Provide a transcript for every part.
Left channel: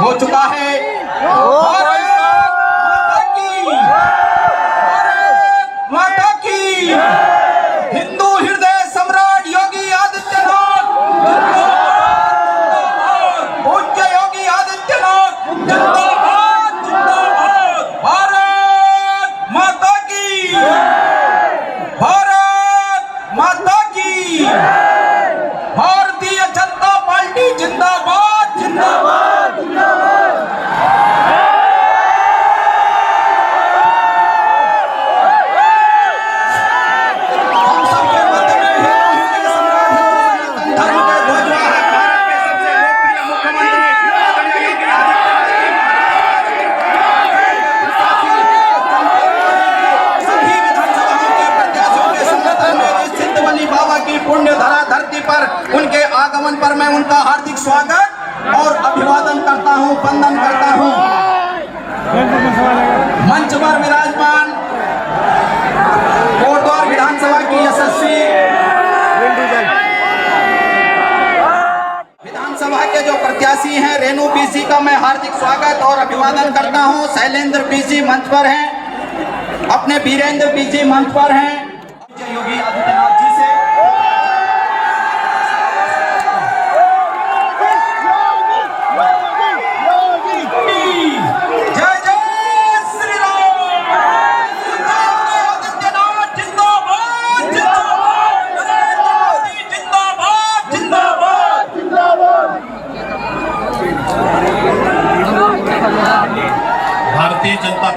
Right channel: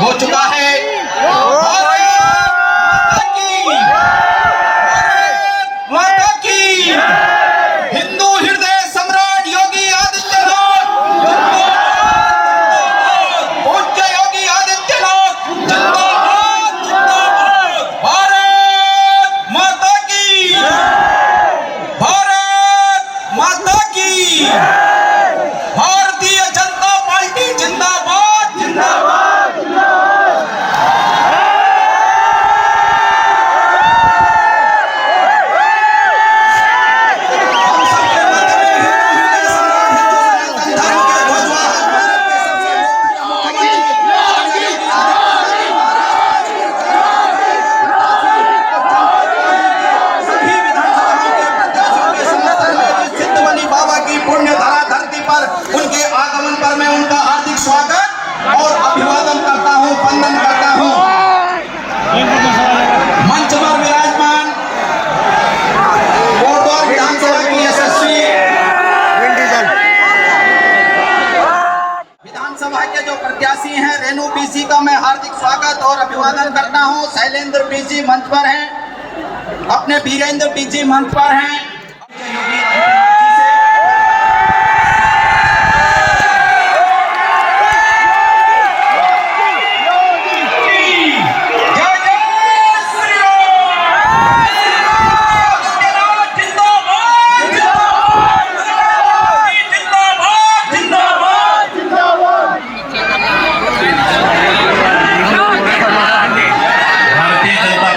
हो चुका है। माता की हिंदू हृदय सम्राट योगी आदित्यनाथ, पूज्य योगी आदित्यनाथ जिंदाबाद, भारत माता की, भारत माता की, भारतीय जनता पार्टी जिंदाबाद जिंदाबाद। पुण्य धरा धरती पर उनके आगमन पर मैं उनका हार्दिक स्वागत और अभिवादन करता हूं, वंदन करता हूं। मंच पर विराजमान कोटद्वार विधानसभा की यशस्वी विधानसभा के जो प्रत्याशी हैं रेणु बीसी का मैं हार्दिक स्वागत और अभिवादन करता हूं। शैलेंद्र बीसी मंच पर हैं, अपने वीरेंद्र बीसी मंच पर हैं।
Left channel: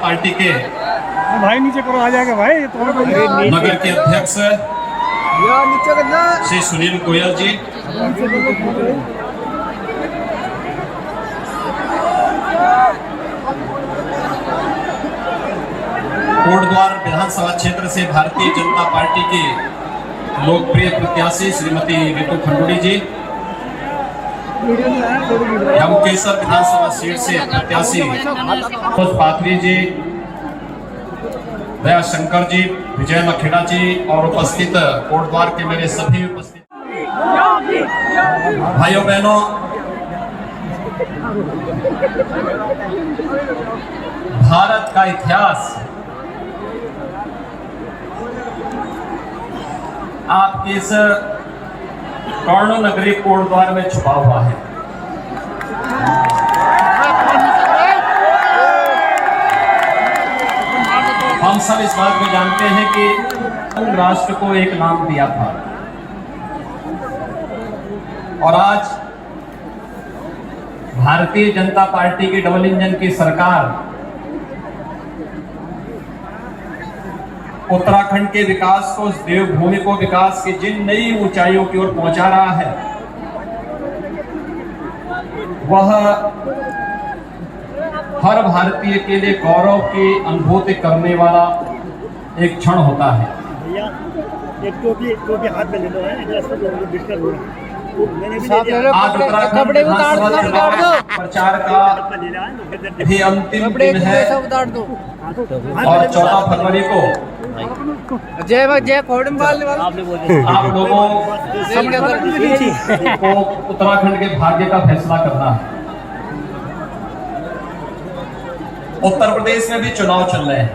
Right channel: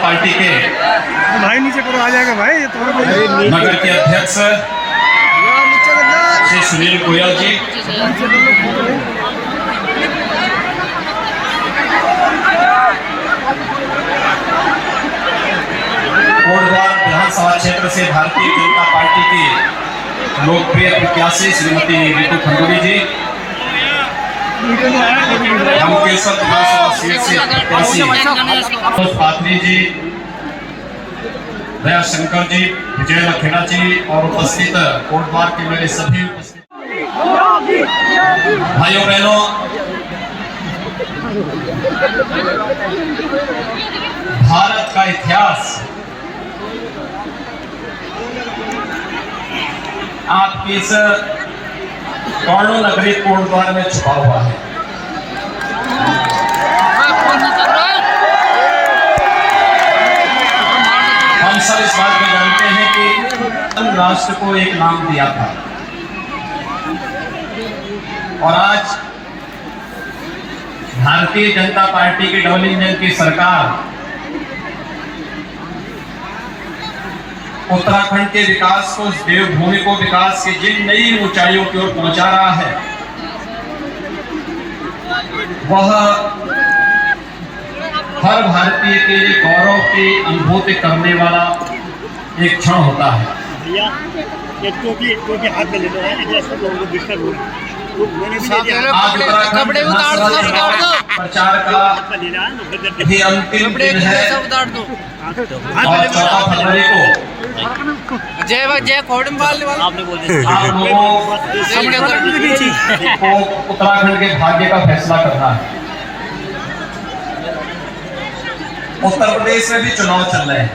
पार्टी के भाई नीचे करो, आ जाएगा भाई। नगर के अध्यक्ष श्री सुनील गोयल जी, कोटद्वार विधानसभा क्षेत्र से भारतीय जनता पार्टी की लोकप्रिय प्रत्याशी श्रीमती रितु खंडूरी जी, केसर विधानसभा सीट से प्रत्याशी पात्री जी, दया शंकर जी, विजय लखेड़ा जी और उपस्थित कोटद्वार के मेरे सभी उपस्थित भाइयों बहनों, भारत का इतिहास आपकी इस कर्ण नगरी कोटद्वार में छुपा हुआ है। हम सब इस बात को जानते हैं कि राष्ट्र को एक नाम दिया था और आज भारतीय जनता पार्टी की डबल इंजन की सरकार उत्तराखंड के विकास को, उस देवभूमि को विकास की जिन नई ऊंचाइयों की ओर पहुंचा रहा है, वह हर भारतीय के लिए गौरव की अनुभूति करने वाला एक क्षण होता है। भैया एक टोपी हाथ में ले लो, जैसे लोगों को डिस्टर्ब हो रहा है। आज उत्तराखंड विधानसभा प्रचार का भी अंतिम दिन है और 14 फरवरी को आप लोगों को उत्तराखंड के भाग्य का फैसला करना है। उत्तर प्रदेश में भी चुनाव चल रहे हैं।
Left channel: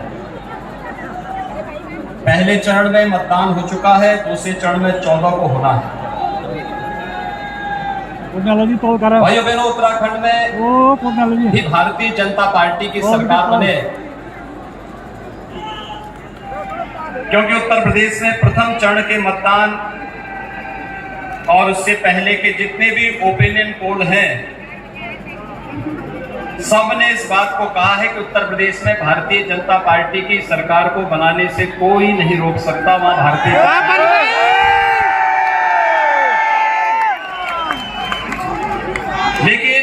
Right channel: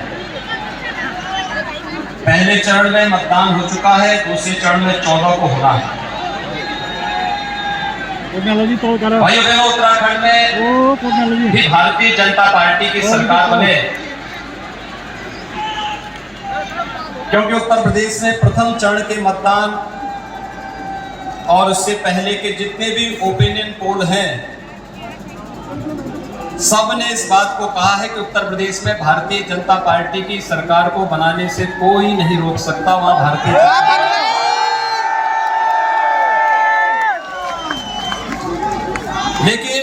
पहले चरण में मतदान हो चुका है, दूसरे चरण में 14 को होना है। भाइयों बहनों, उत्तराखंड में भी भारतीय जनता पार्टी की सरकार बने, क्योंकि उत्तर प्रदेश में प्रथम चरण के मतदान और उससे पहले के जितने भी ओपिनियन पोल हैं, सब ने इस बात को कहा है कि उत्तर प्रदेश में भारतीय जनता पार्टी की सरकार को बनाने से कोई नहीं रोक सकता। वहां भारतीय लेकिन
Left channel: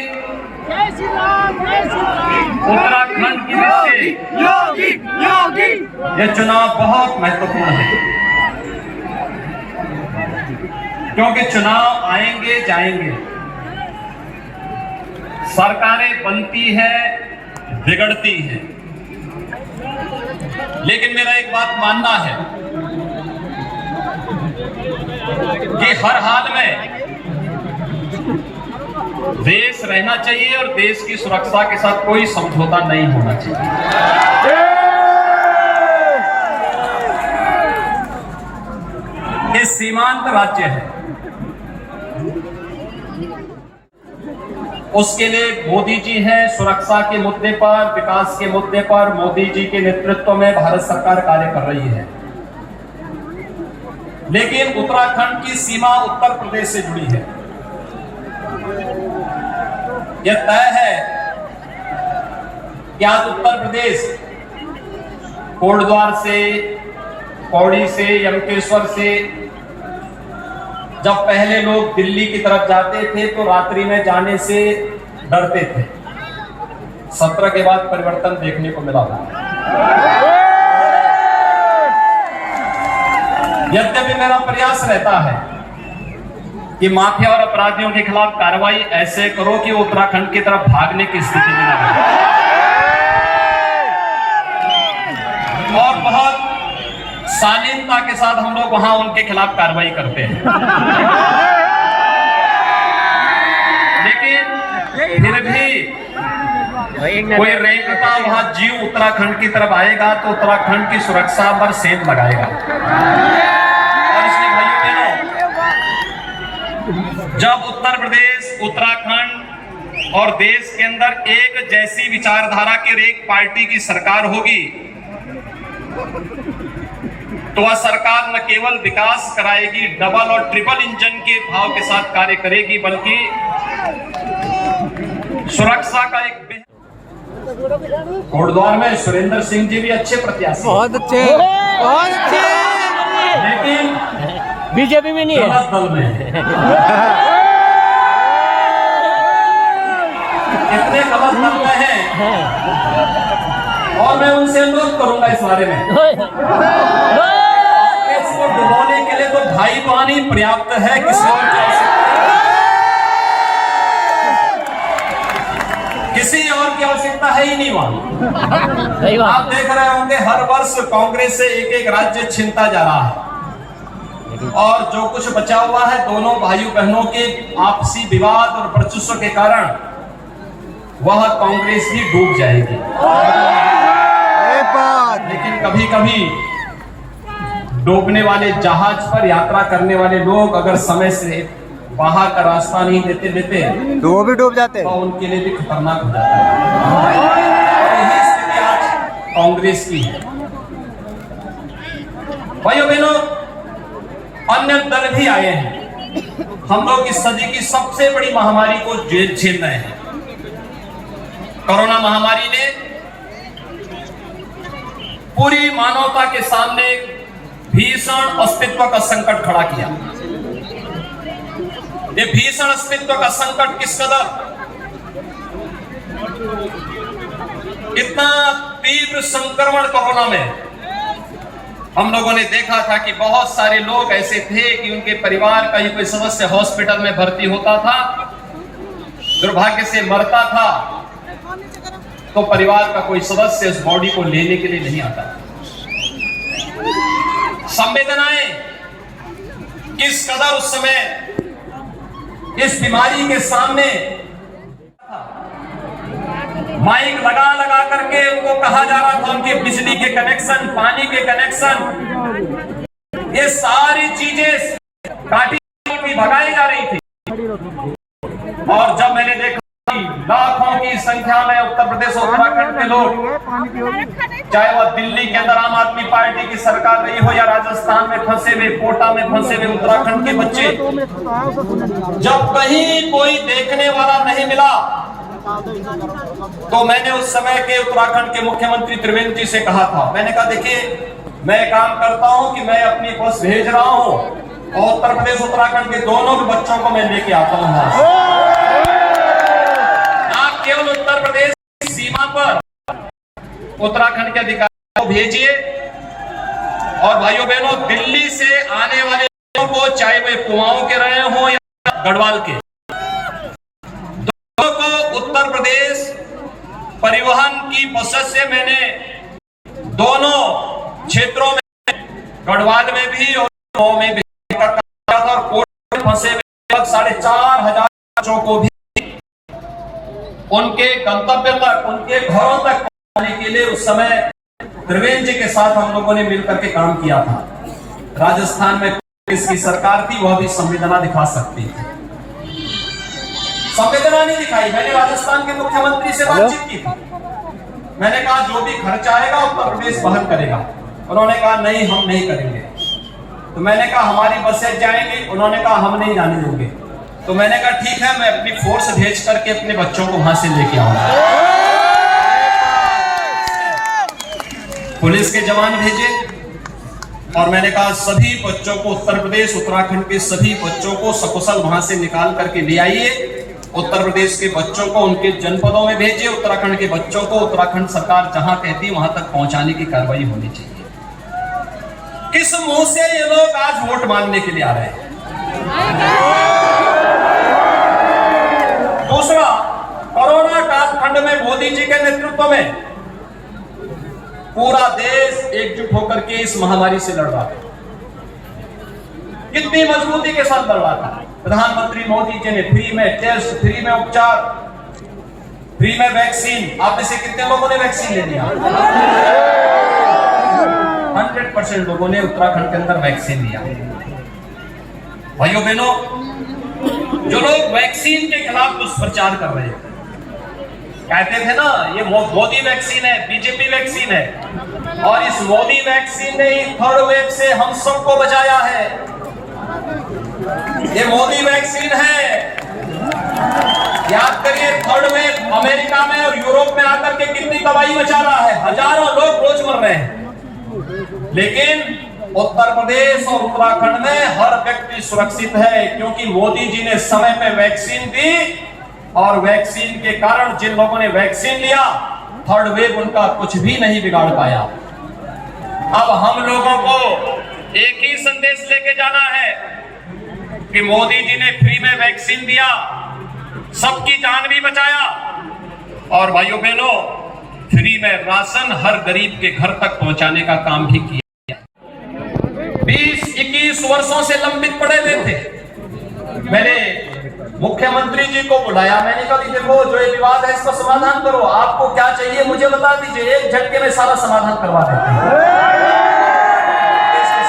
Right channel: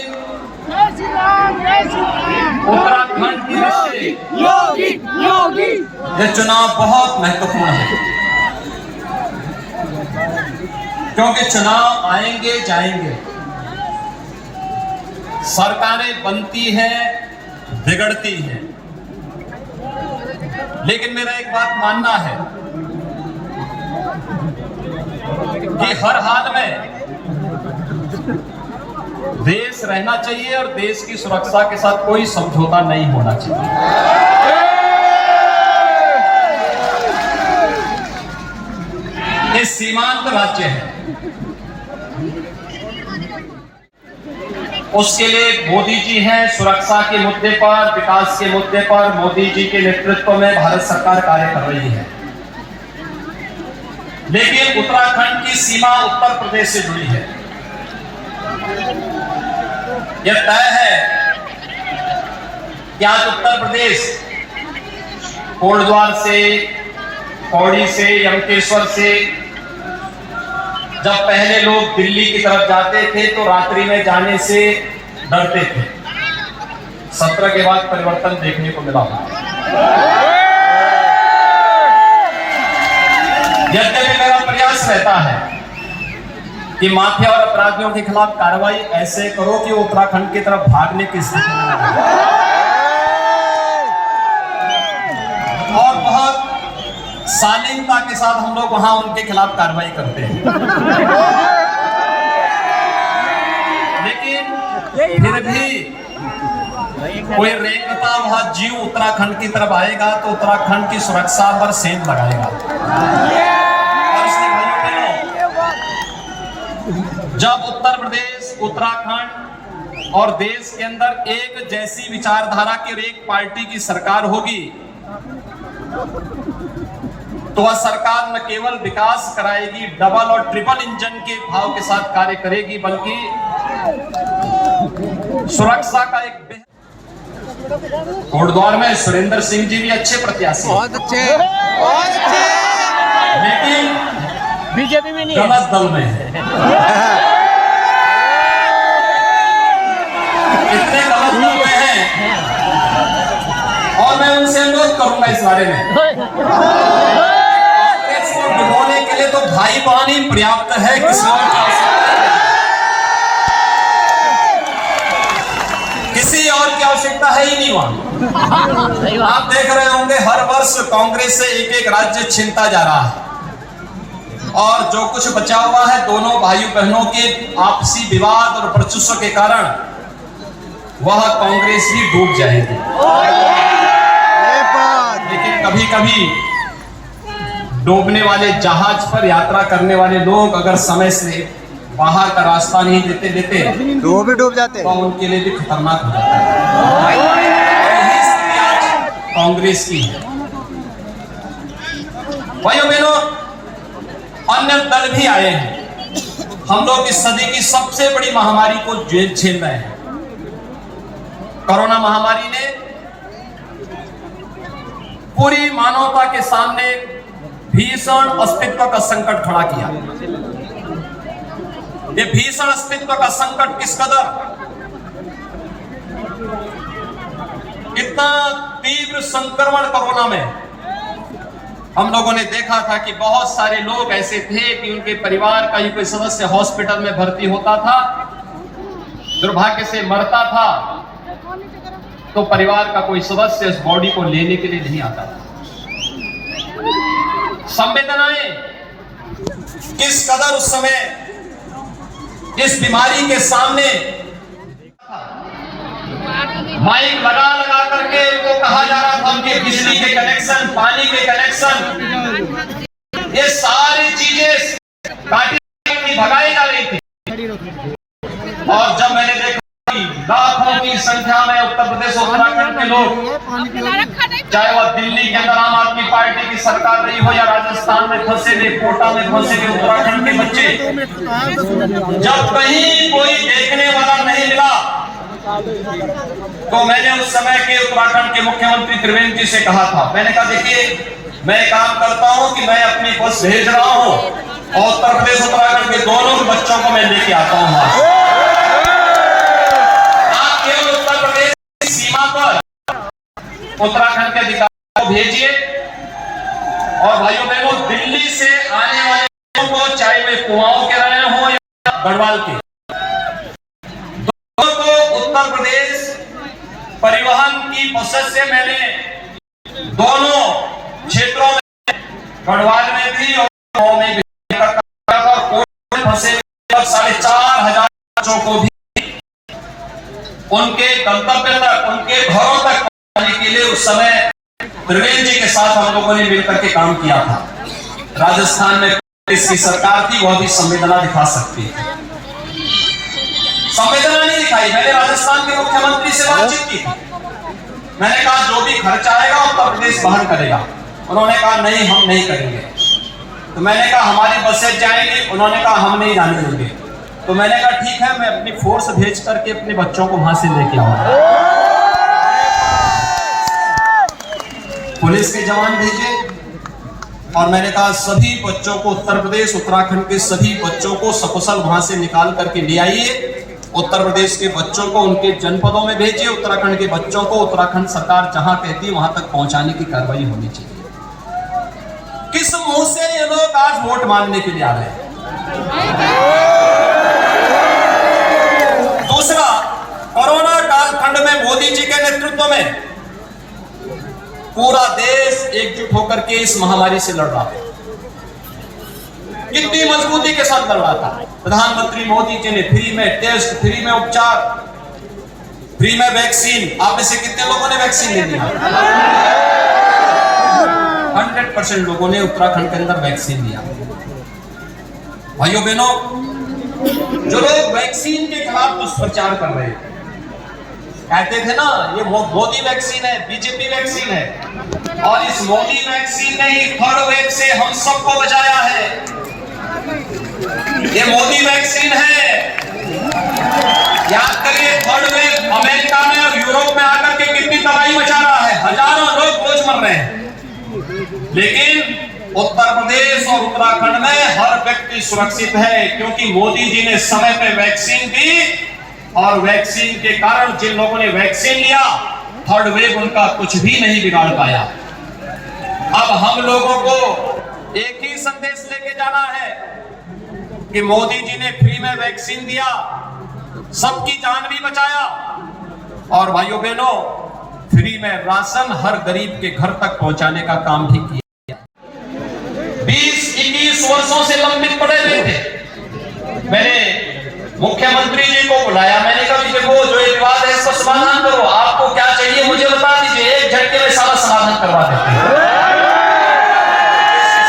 उत्तराखंड की दृष्टि यह चुनाव बहुत महत्वपूर्ण है, क्योंकि चुनाव आएंगे जाएंगे, सरकारें बनती हैं, बिगड़ती हैं, लेकिन मेरा एक बात मानना है कि हर हाल में देश रहना चाहिए और देश की सुरक्षा के साथ कोई समझौता नहीं होना चाहिए। ये सीमांत राज्य है, उसके लिए मोदी जी हैं। सुरक्षा के मुद्दे पर, विकास के मुद्दे पर मोदी जी के नेतृत्व में भारत सरकार कार्य कर रही है। लेकिन उत्तराखंड की सीमा उत्तर प्रदेश से जुड़ी है। यह तय है कि आज उत्तर प्रदेश कोटद्वार से, पौड़ी से, यमकेश्वर से जब पहले लोग दिल्ली की तरफ जाते थे तो रात्रि में जाने से डरते थे। 17 के बाद परिवर्तन देखने को मिला। यद्यपि मेरा प्रयास रहता है कि माफिया और अपराधियों के खिलाफ कार्रवाई ऐसे करो कि वो उत्तराखंड की तरफ भागने की स्थिति में न रहे, और बहुत शालीनता के साथ हम लोग वहां उनके खिलाफ कार्रवाई करते हैं। लेकिन फिर भी कोई रेंगता वहां जीव उत्तराखंड की तरफ आएगा तो उत्तराखंड की सुरक्षा पर सेंध लगाएगा। और इसलिए भाइयों बहनों, जब उत्तर प्रदेश, उत्तराखंड और देश के अंदर एक जैसी विचारधारा की एक पार्टी की सरकार होगी तो वह सरकार न केवल विकास कराएगी, डबल और ट्रिपल इंजन के भाव के साथ कार्य करेगी, बल्कि सुरक्षा का एक कोटद्वार में सुरेंद्र सिंह जी भी अच्छे प्रत्याशी, बहुत अच्छे, बहुत अच्छे, लेकिन बीजेपी में नहीं गलत दल में है। इतने गलत दल में हैं और मैं उनसे अनुरोध करूंगा इस बारे में, कांग्रेस को डुबोने के लिए तो भाई बहन ही पर्याप्त है, किसी और की आवश्यकता किसी और की आवश्यकता है ही नहीं वहां। आप देख रहे होंगे हर वर्ष कांग्रेस से एक एक राज्य छिनता जा रहा है, और जो कुछ बचा हुआ है दोनों भाइयों बहनों के आपसी विवाद और वर्चस्व के कारण वह कांग्रेस ही डूब जाएगी। लेकिन कभी कभी डूबने वाले जहाज पर यात्रा करने वाले लोग अगर समय से बाहर का रास्ता नहीं देते तो वो भी डूब जाते, तो उनके लिए भी खतरनाक हो जाता है। यही स्थिति आज कांग्रेस की है। भाइयों बहनों, अन्य दल भी आए हैं। हम लोग इस सदी की सबसे बड़ी महामारी को झेल रहे हैं। कोरोना महामारी ने पूरी मानवता के सामने भीषण अस्तित्व का संकट खड़ा किया। ये भीषण अस्तित्व का संकट किस कदर, इतना तीव्र संक्रमण कोरोना में हम लोगों ने देखा था कि बहुत सारे लोग ऐसे थे कि उनके परिवार का ही कोई सदस्य हॉस्पिटल में भर्ती होता था, दुर्भाग्य से मरता था, तो परिवार का कोई सदस्य इस बॉडी को लेने के लिए नहीं आता। संवेदनाएं किस कदर उस समय इस बीमारी के सामने, माइक लगा लगा करके उनको कहा जा रहा था उनके बिजली के कनेक्शन, पानी के कनेक्शन, ये सारी चीजें काटी भगाई जा रही थी। और जब मैंने देखा लाखों की संख्या में उत्तर प्रदेश उत्तराखंड के लोग, चाहे वह दिल्ली के अंदर आम आदमी पार्टी की सरकार रही हो या राजस्थान में फंसे हुए, कोटा में फंसे हुए उत्तराखंड के बच्चे, जब कहीं कोई देखने वाला नहीं मिला तो मैंने उस समय के उत्तराखंड के मुख्यमंत्री त्रिवेंद्र जी से कहा था, मैंने कहा देखिए मैं काम करता हूं कि मैं अपनी बस भेज रहा हूं और उत्तर प्रदेश उत्तराखंड के दोनों बच्चों को मैं लेके आता हूं। उत्तराखंड के अधिकारियों को भेजिए और भाइयों बहनों, दिल्ली से आने वाले लोगों को, चाहे वे कुमाऊं के रहे हों या गढ़वाल के, दोनों को उत्तर प्रदेश परिवहन की बसेस से मैंने दोनों क्षेत्रों में, गढ़वाल में भी और कुमाऊं में भी, फंसे 4,500 बच्चों को भी उनके गंतव्य तक, उनके घरों तक पहुंचाने के लिए उस समय त्रिवेंद्र जी के साथ हम लोगों ने मिलकर के काम किया था। राजस्थान में इसकी सरकार थी, वह भी संवेदना दिखा सकती है, संवेदना नहीं दिखाई। मैंने राजस्थान के मुख्यमंत्री से बातचीत की थी, मैंने कहा जो भी खर्च आएगा उत्तर प्रदेश वहन करेगा। उन्होंने कहा नहीं, हम नहीं करेंगे। तो मैंने कहा हमारी बसें जाएंगी, उन्होंने कहा हम नहीं जाने देंगे। तो मैंने कहा ठीक है, मैं अपनी फोर्स भेज करके अपने बच्चों को वहां से लेके आऊंगा। पुलिस के जवान भेजे और मैंने कहा सभी बच्चों को, उत्तर प्रदेश उत्तराखंड के सभी बच्चों को सकुशल वहां से निकाल करके ले आइए। उत्तर प्रदेश के बच्चों को उनके जनपदों में भेजिए, उत्तराखंड के बच्चों को उत्तराखंड सरकार जहां कहती है वहां तक पहुंचाने की कार्रवाई होनी चाहिए। किस मुंह से ये लोग आज वोट मांगने के लिए आ रहे हैं? दूसरा, कोरोना कालखंड में मोदी जी के नेतृत्व में पूरा देश एकजुट होकर के इस महामारी से लड़ रहा था। कितनी मजबूती के साथ लड़ रहा था। प्रधानमंत्री मोदी जी ने फ्री में टेस्ट, फ्री में उपचार, फ्री में वैक्सीन। आप में से कितने लोगों ने वैक्सीन ले लिया? 100% लोगों ने उत्तराखंड के अंदर वैक्सीन लिया। भाइयों बहनों, जो लोग वैक्सीन के खिलाफ दुष्प्रचार कर रहे थे, कहते थे ना ये मोदी वैक्सीन है, बीजेपी वैक्सीन है, और इस मोदी वैक्सीन ने ही थर्ड वेव से हम सबको बचाया है। ये मोदी वैक्सीन है। याद करिए थर्ड वेव अमेरिका में और यूरोप में आकर के कितनी तबाही मचा रहा है, हजारों लोग रोज मर रहे हैं। लेकिन उत्तर प्रदेश और उत्तराखंड में हर व्यक्ति सुरक्षित है, क्योंकि मोदी जी ने समय पे वैक्सीन दी और वैक्सीन के कारण जिन लोगों ने वैक्सीन लिया, थर्ड वेव उनका कुछ भी नहीं बिगाड़ पाया। अब हम लोगों को एक ही संदेश लेके जाना है कि मोदी जी ने फ्री में वैक्सीन दिया, सबकी जान भी बचाया, और भाइयों बहनों फ्री में राशन हर गरीब के घर तक पहुंचाने का काम भी किया। 20-21 वर्षों से लंबित पड़े हुए थे। मैंने मुख्यमंत्री जी को बुलाया, मैंने कहा देखो जो एक बात है इसका समाधान करो, आपको क्या चाहिए मुझे बता दीजिए, एक झटके में सारा समाधान करवा देते हैं।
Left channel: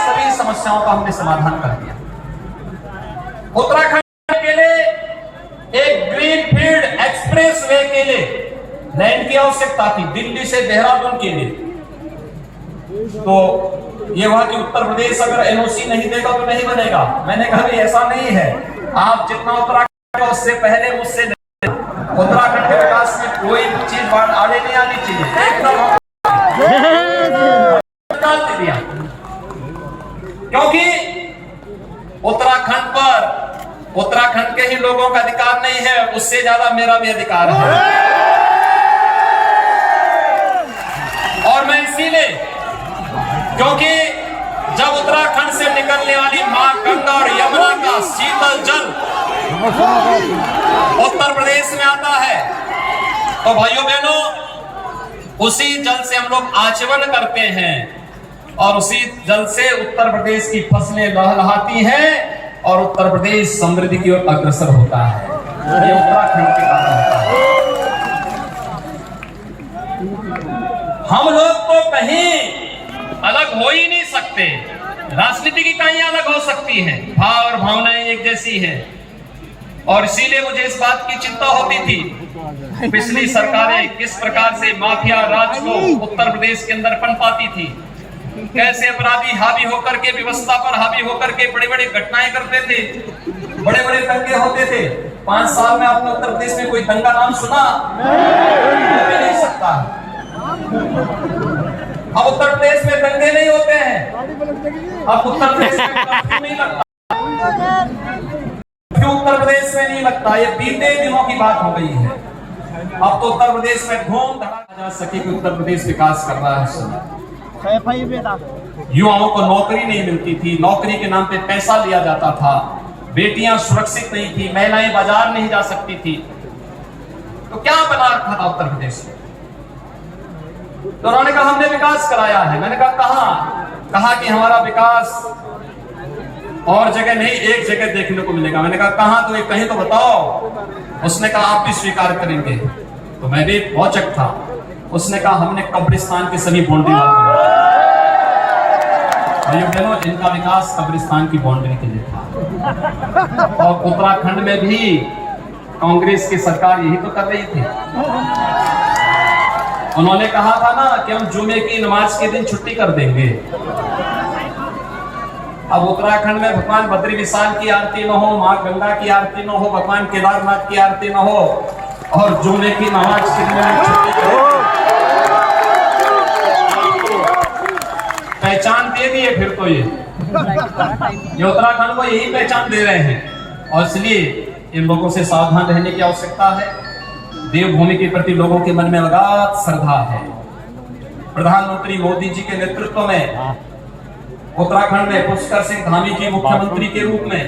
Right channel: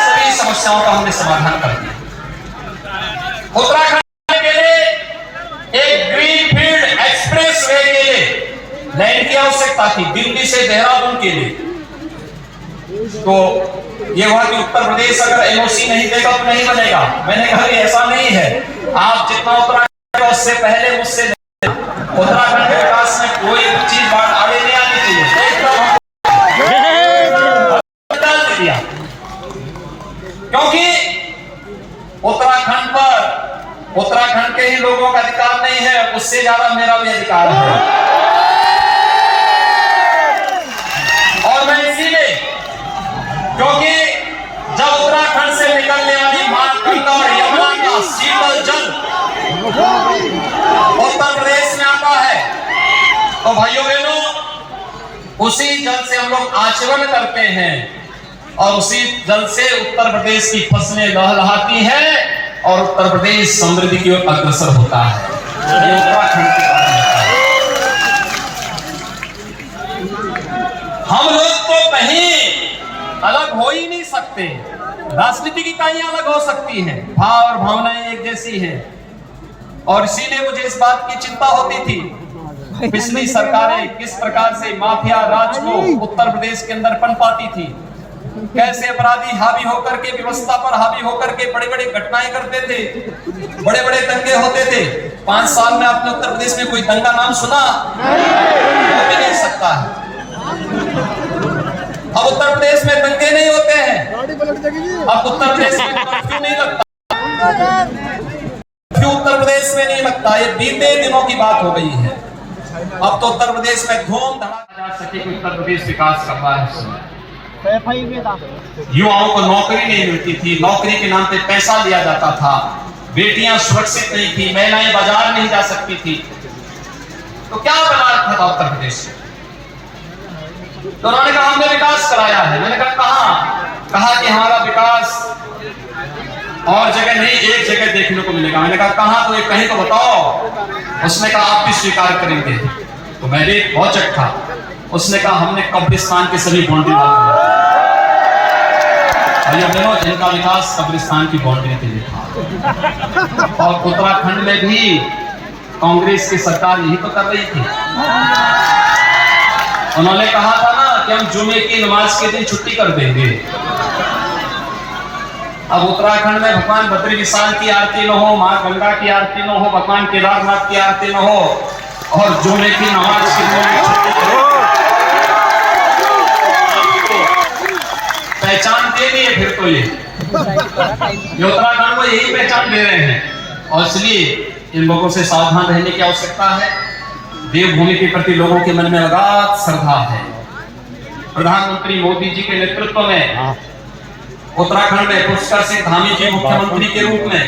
सभी समस्याओं का हमने समाधान कर दिया। उत्तराखंड के लिए एक ग्रीनफील्ड एक्सप्रेस वे के लिए लैंड की आवश्यकता थी, दिल्ली से देहरादून के लिए। तो ये हुआ कि उत्तर प्रदेश अगर एनओसी नहीं देगा तो नहीं बनेगा। मैंने कहा ऐसा नहीं है, आप जितना उत्तराखंड उससे पहले मुझसे उत्तराखंड के विकास में कोई चीज बात आगे नहीं आनी चाहिए, क्योंकि उत्तराखंड पर उत्तराखंड के ही लोगों का अधिकार नहीं है, उससे ज्यादा मेरा भी अधिकार है। और मैं इसीलिए, क्योंकि जब उत्तराखंड से निकलने वाली मां गंगा और यमुना का शीतल जल उत्तर प्रदेश में आता है, तो भाइयों बहनों उसी जल से हम लोग आचमन करते हैं और उसी जल से उत्तर प्रदेश की फसलें लहलहाती हैं और उत्तर प्रदेश समृद्धि की ओर अग्रसर होता है। ये उत्तराखंड के बारे में हम लोग तो कहीं अलग हो ही नहीं सकते। राजनीति की इकाइयां अलग हो सकती हैं, भाव और भावनाएं एक जैसी हैं, और इसीलिए मुझे इस बात की चिंता होती थी पिछली सरकारें किस प्रकार से माफिया राज को उत्तर प्रदेश के अंदर पनपाती थी, कैसे अपराधी हावी होकर के व्यवस्था पर हावी होकर के बड़े बड़े घटनाएं करते थे, बड़े बड़े दंगे होते थे। 5 साल में आपने उत्तर प्रदेश में कोई दंगा नाम सुना? भी नहीं सकता। अब उत्तर प्रदेश में दंगे नहीं होते हैं, अब उत्तर प्रदेश में कर्फ्यू नहीं लगता, क्यों उत्तर प्रदेश में नहीं लगता? ये बीते दिनों की बात हो गई है। अब तो उत्तर प्रदेश में धूम धड़ाका जा सके कि उत्तर प्रदेश विकास कर रहा है। युवाओं को नौकरी नहीं मिलती थी, नौकरी के नाम पे पैसा लिया जाता था, बेटियां सुरक्षित नहीं थी, महिलाएं बाजार नहीं जा सकती थी। तो क्या बना रखा था उत्तर प्रदेश में? तो उन्होंने कहा हमने विकास कराया है। मैंने कहा कि हमारा विकास और जगह नहीं, एक जगह देखने को मिलेगा। मैंने कहा कहां? तो कहीं तो बताओ। उसने कहा आप भी स्वीकार करेंगे। तो मैं भी एक औचक था, उसने कहा हमने कब्रिस्तान की सभी बाउंड्री वाल इनका विकास कब्रिस्तान की बाउंड्री के लिए था। और उत्तराखंड में भी कांग्रेस की सरकार यही तो कर रही थी। उन्होंने कहा था ना कि हम जुमे की नमाज के दिन छुट्टी कर देंगे। अब उत्तराखंड में भगवान बद्री विशाल की आरती न हो, मां गंगा की आरती न हो, भगवान केदारनाथ की आरती न हो, और जुमे की नमाज के दिन में छुट्टी पहचान दे दी है। फिर तो ये उत्तराखंड को यही पहचान दे रहे हैं, और इसलिए इन लोगों से सावधान रहने की आवश्यकता है। देवभूमि के प्रति लोगों के मन में अगाध श्रद्धा है। प्रधानमंत्री मोदी जी के नेतृत्व में उत्तराखंड में पुष्कर सिंह धामी जी मुख्यमंत्री के रूप में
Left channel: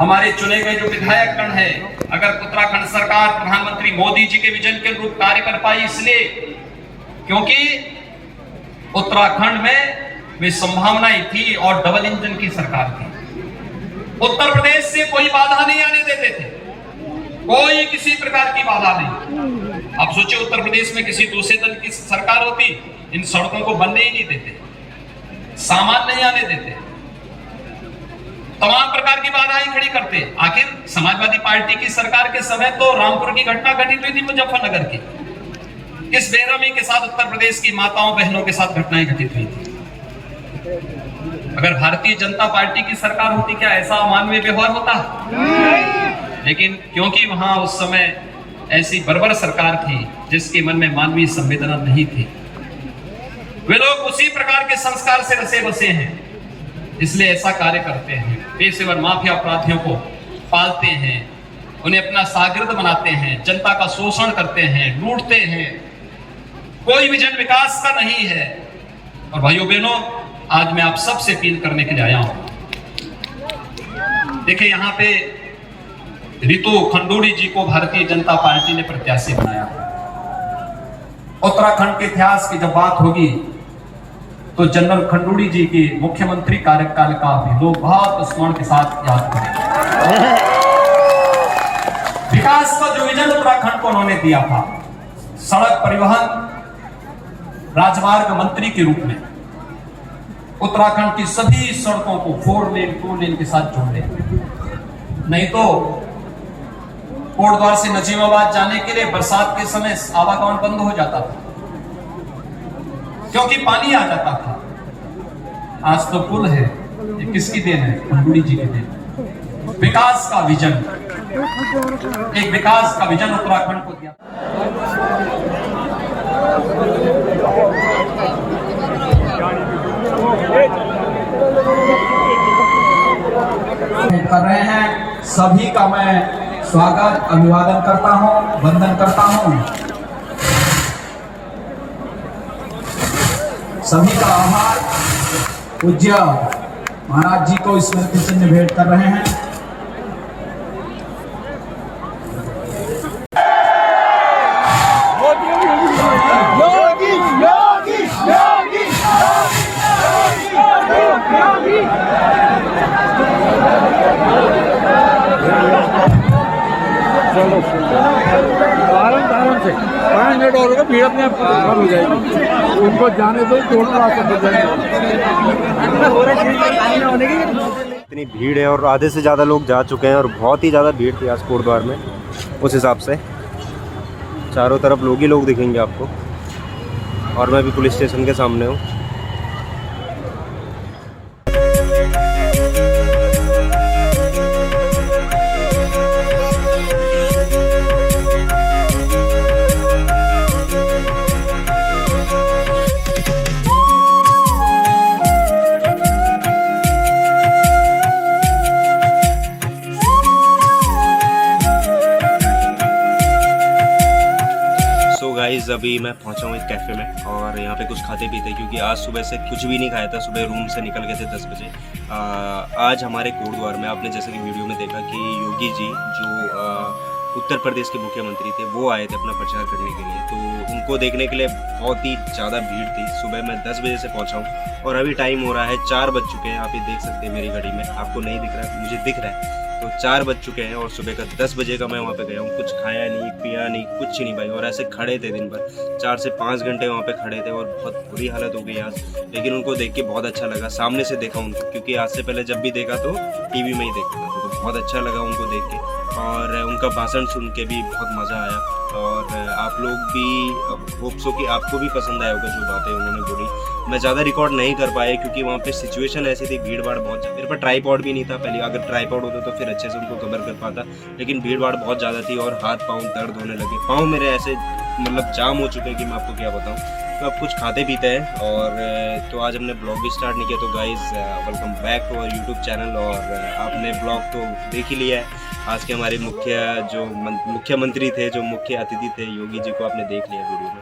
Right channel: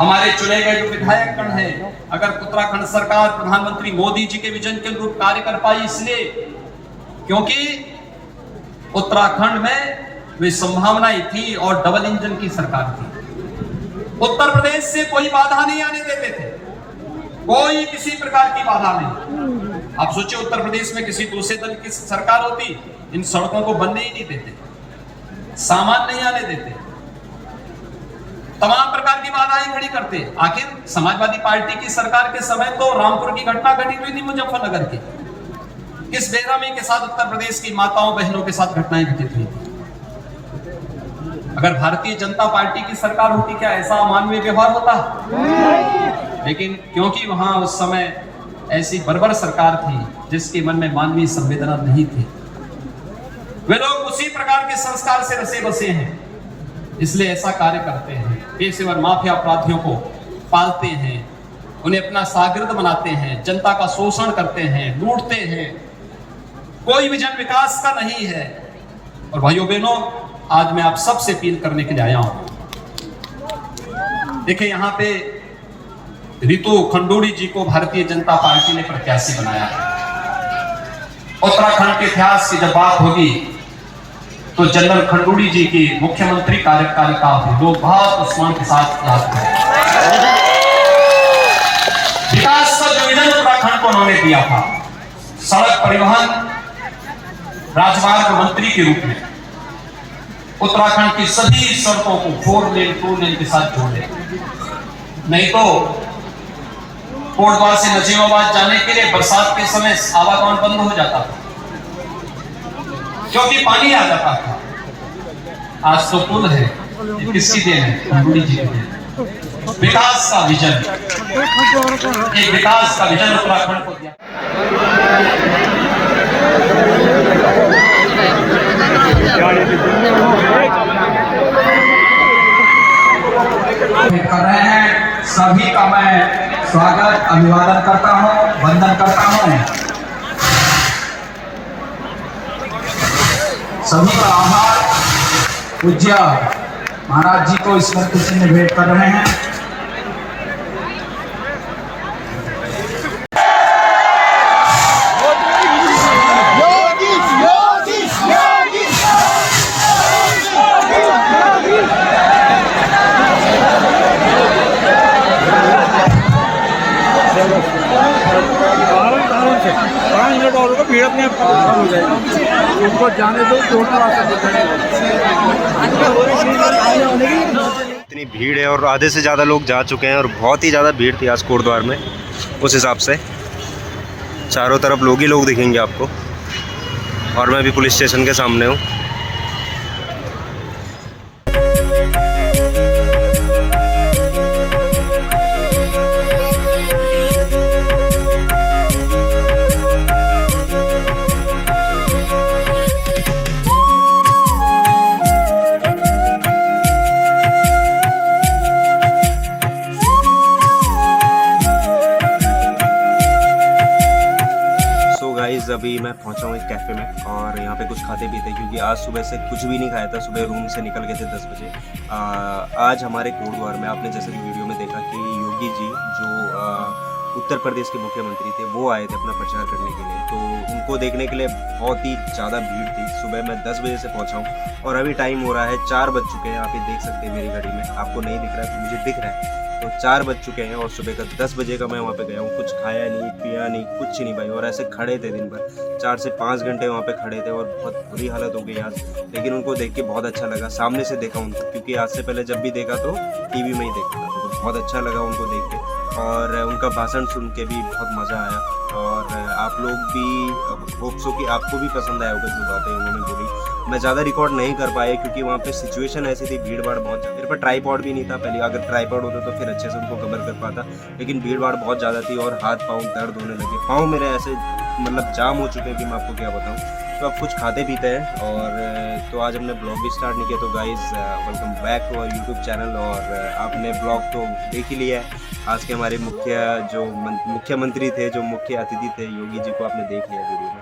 हमारे चुने गए जो विधायकगण हैं, अगर उत्तराखंड सरकार प्रधानमंत्री मोदी जी के विजन के अनुरूप कार्य कर पाई, इसलिए क्योंकि उत्तराखंड में वे संभावनाएं थी और डबल इंजन की सरकार थी। उत्तर प्रदेश से कोई बाधा नहीं आने देते थे, कोई किसी प्रकार की बाधा नहीं। आप सोचिए उत्तर प्रदेश में किसी दूसरे दल की सरकार होती, इन सड़कों को बनने ही नहीं देते, सामान नहीं आने देते, तमाम प्रकार की बाधाएं खड़ी करते। आखिर समाजवादी पार्टी की सरकार के समय तो रामपुर की घटना घटित हुई थी, मुजफ्फरनगर की। किस बेरहमी के साथ उत्तर प्रदेश की माताओं बहनों के साथ घटनाएं घटित हुई थी। अगर भारतीय जनता पार्टी की सरकार होती, क्या ऐसा मानवीय व्यवहार होता? लेकिन क्योंकि वहां उस समय ऐसी बर्बर सरकार थी जिसके मन में मानवीय संवेदना नहीं थी, वे लोग उसी प्रकार के संस्कार से रसे बसे हैं, इसलिए ऐसा कार्य करते हैं। पेशेवर माफिया अपराधियों को पालते हैं, उन्हें अपना शागिर्द बनाते हैं, जनता का शोषण करते हैं, लूटते हैं, कोई विजन विकास का नहीं है। और भाइयों बहनों, आज मैं आप सबसे अपील करने के लिए आया हूं। देखिए, यहां पे रितु खंडूड़ी जी को भारतीय जनता पार्टी ने प्रत्याशी बनाया। उत्तराखंड के इतिहास की जब बात होगी तो जनरल खंडूड़ी जी की मुख्यमंत्री कार्यकाल लोग बहुत सम्मान के साथ याद करें। विकास का जो विजन उत्तराखंड को उन्होंने दिया था, सड़क परिवहन राजमार्ग मंत्री के रूप में उत्तराखंड की सभी सड़कों को 4 लेन 2 लेन के साथ जोड़ दे। नहीं तो कोटद्वार से नजीमाबाद जाने के लिए बरसात के समय आवागमन बंद हो जाता था क्योंकि पानी आ जाता था। आज तो पुल है, ये किसकी देन है? खंडूड़ी जी की देन। विकास का विजन, एक विकास का विजन उत्तराखंड को दिया। कर रहे हैं, सभी का मैं स्वागत अभिवादन करता हूं, वंदन करता हूं। सभी का आभार पूज्य महाराज जी को स्मृति चिन्ह भेंट कर रहे हैं। आराम से 5 मिनट और होगा, भीड़ अपने आप कम हो जाएगी। उनको जाने दो, इतनी भीड़ है और आधे से ज़्यादा लोग जा चुके हैं और बहुत ही ज़्यादा भीड़ थी आज कोटद्वार में। उस हिसाब से चारों तरफ लोग ही लोग दिखेंगे आपको, और मैं भी पुलिस स्टेशन के सामने हूँ। गाइस अभी मैं पहुंचा हूँ एक कैफ़े में और यहाँ पे कुछ खाते पीते, क्योंकि आज सुबह से कुछ भी नहीं खाया था। सुबह रूम से निकल गए थे 10 बजे। आज हमारे कोटद्वार में आपने जैसे कि वीडियो में देखा कि योगी जी जो उत्तर प्रदेश के मुख्यमंत्री थे, वो आए थे अपना प्रचार करने के लिए। तो उनको देखने के लिए बहुत ही ज़्यादा भीड़ थी। सुबह मैं 10 बजे से पहुंचा हूँ और अभी टाइम हो रहा है 4 बज चुके हैं। आप ये देख सकते हैं मेरी घड़ी में, आपको नहीं दिख रहा है, मुझे दिख रहा है। तो 4 बज चुके हैं और सुबह का 10 बजे का मैं वहाँ पे गया हूँ। कुछ खाया नहीं, पिया नहीं, कुछ नहीं भाई। और ऐसे खड़े थे दिन भर, 4 से 5 घंटे वहाँ पे खड़े थे और बहुत बुरी हालत हो गई आज। लेकिन उनको देख के बहुत अच्छा लगा, सामने से देखा उनको, क्योंकि आज से पहले जब भी देखा तो टीवी में ही देखा था। तो बहुत अच्छा लगा उनको देख के और उनका भाषण सुन के भी बहुत मज़ा आया। और आप लोग भी होप सो कि आपको भी पसंद आया होगा जो बातें उन्होंने बोली। मैं ज़्यादा रिकॉर्ड नहीं कर पाया क्योंकि वहाँ पे सिचुएशन ऐसी थी, भीड़ भाड़ बहुत ज़्यादा। मेरे पास ट्राईपॉड भी नहीं था पहले, अगर ट्राईपॉड होता तो फिर अच्छे से उनको कवर कर पाता, लेकिन भीड़ भाड़ बहुत ज़्यादा थी और हाथ पाँव दर्द होने लगे। पाँव मेरे ऐसे मतलब जाम हो चुके हैं कि मैं आपको क्या बताऊँ। तो अब कुछ खाते पीते हैं और तो आज हमने ब्लॉग भी स्टार्ट नहीं किया। तो guys welcome back to our YouTube channel. और आपने ब्लॉग तो देख ही लिया है। आज के हमारे मुख्यमंत्री थे, जो मुख्य अतिथि थे, योगी जी को आपने देख लिया वीडियो में।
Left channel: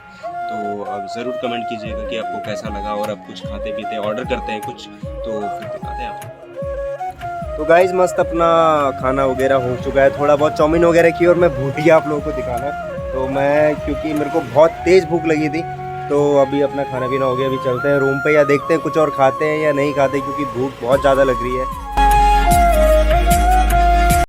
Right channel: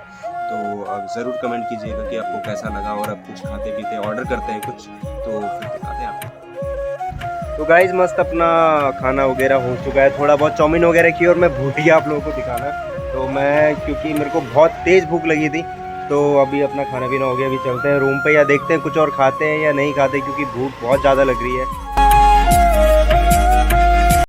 तो अब ज़रूर कमेंट कीजिएगा कि आपको कैसा लगा। और अब कुछ खाते पीते ऑर्डर करते हैं कुछ, तो फिर दिखाते हैं आपको। तो गाइज़ मस्त अपना खाना वगैरह हो चुका है, थोड़ा बहुत चाउमीन वगैरह की और मैं भूल गया आप लोगों को दिखाना। तो मैं क्योंकि मेरे को बहुत तेज़ भूख लगी थी, तो अभी अपना खाना पीना हो गया। अभी चलते हैं रूम पे या देखते हैं कुछ और खाते हैं या नहीं खाते, क्योंकि भूख बहुत ज़्यादा लग रही है।